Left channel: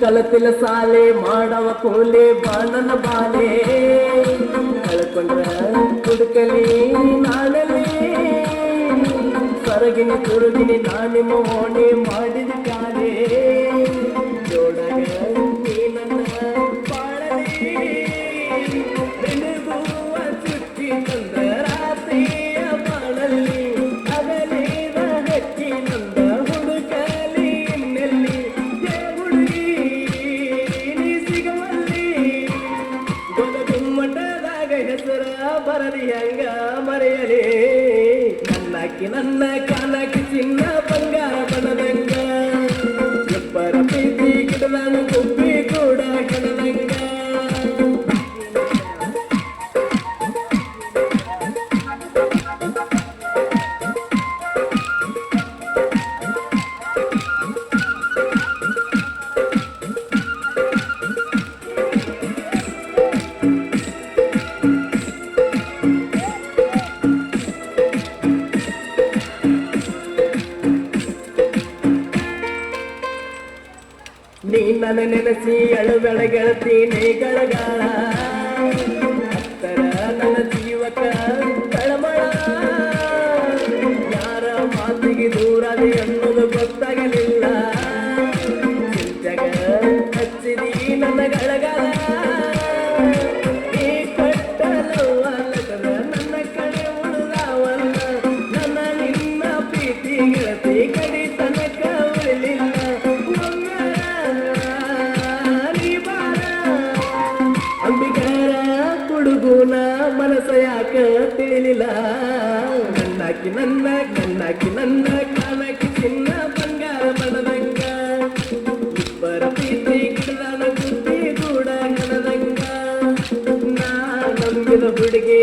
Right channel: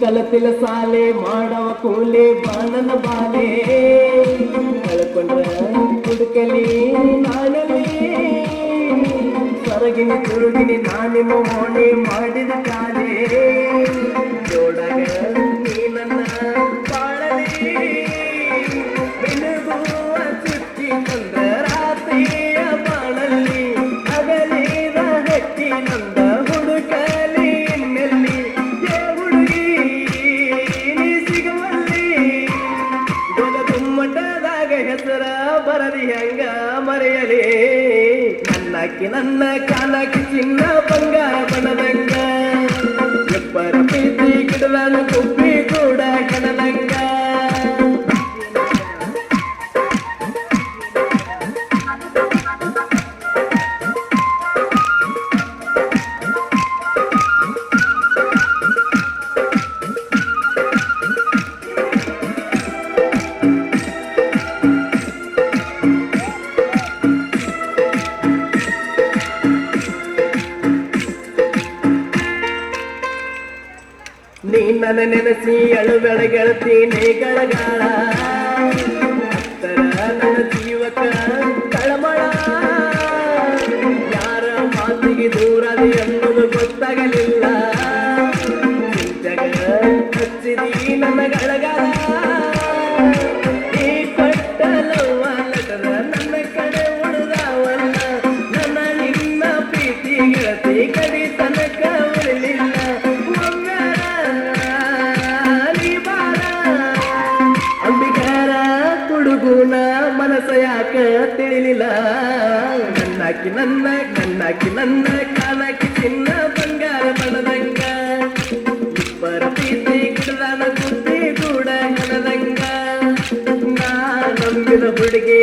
ಕಲತಿಲ ಸಾಲೆ ಮಾಡವ ಕೂಲೆ ಬಾಣನ ಬಾಲೆ ಕಳ್ಕೊಂಡ್ರ ಕುಡುಕಲಿ ನಾಡಲಿ ಸರಗಿನಿ ತುರುಗಿನಿ ನಾನಿ ಮೋಣಿ ಮಾಡಿದ ಕಾಲೆ ಜೋಡಗ ನೀ ನನ್ನ ಬಾಳಲಿ ಬೆಳಗುವ ಚುಚ್ಚಿ ತಂದ್ರ ರಾತ್ರಿಯ ಬಾಳಲ್ಲಿ ಅಗಲಿದ ಹಕ್ಕಿ ನಂದ ಹುಡುಕಲಿ ಇನ್ನೆಲ್ಲಿ ಹುಡುಗಿ ನೀ ಸಿಗವಲ್ಲಿ ಗುಮ್ಮಟದಾಗ ಹೆಸರ ಬರದಿ ಹೆಂಗ ಮರೆಯಲಿ ನನ್ನಕ್ಕಿ ನನ್ನ ಕಾಲಕ್ಕೆ ಚಿನ್ನ ಬಂಗಾರ ಬಣದಂಗ ಎಬ್ಬರ ಪ್ರೀತಿ ಗಿಡದ ಗುಬ್ಬಿ ಕೂಡ ಕಣದಂಗ ನೀ ನನ್ನ ನೆನೆಸಿ ಅಳುಗಳ ಗೆಳತಿ ನೇಗಳಗಾಳ ಹತ್ತರ ನನ್ನ ಜೀವಕ ಕಳಮಳ ಯಾರ ಮಾತಿಗೆ ದೂರದೆ ಅನ್ನೋದು ಗೊತ್ತಾಗಲಿಲ್ಲ ಜಗ ಹಚ್ಚಿದಿ ನನ್ನ ಗಳಗಾಲ ಈ ಪಟ್ಟ ಲವ್ವಾಲದ ನನ್ನ ಕಡೆ ಉಳಿದವಲ್ಲ ನನ್ನ ನಿನ್ನ ಪ್ರೀತಿ ಗೆಳತಿ ಕಡಿ ತನಕ ಉಳಿಲಿಲ್ಲ ಹುಡುಗೂನ ಮನಸ ಯಾಕ ತಿಳಿಲಿಲ್ಲ ನನ್ನಾಕಿ ನನ್ನ ಕಾಲಕ್ಕೆ ಚಿನ್ನ ಬಂಗಾರ ಬಣದಂಗ ಇಬ್ಬರ ಪ್ರೀತಿ ಗಿಡದ ಬುದ್ಧಿ ಕೂಡ ಕಣದಂಗ ನಾ ನಂಬಿದ ಹುಡುಗಿ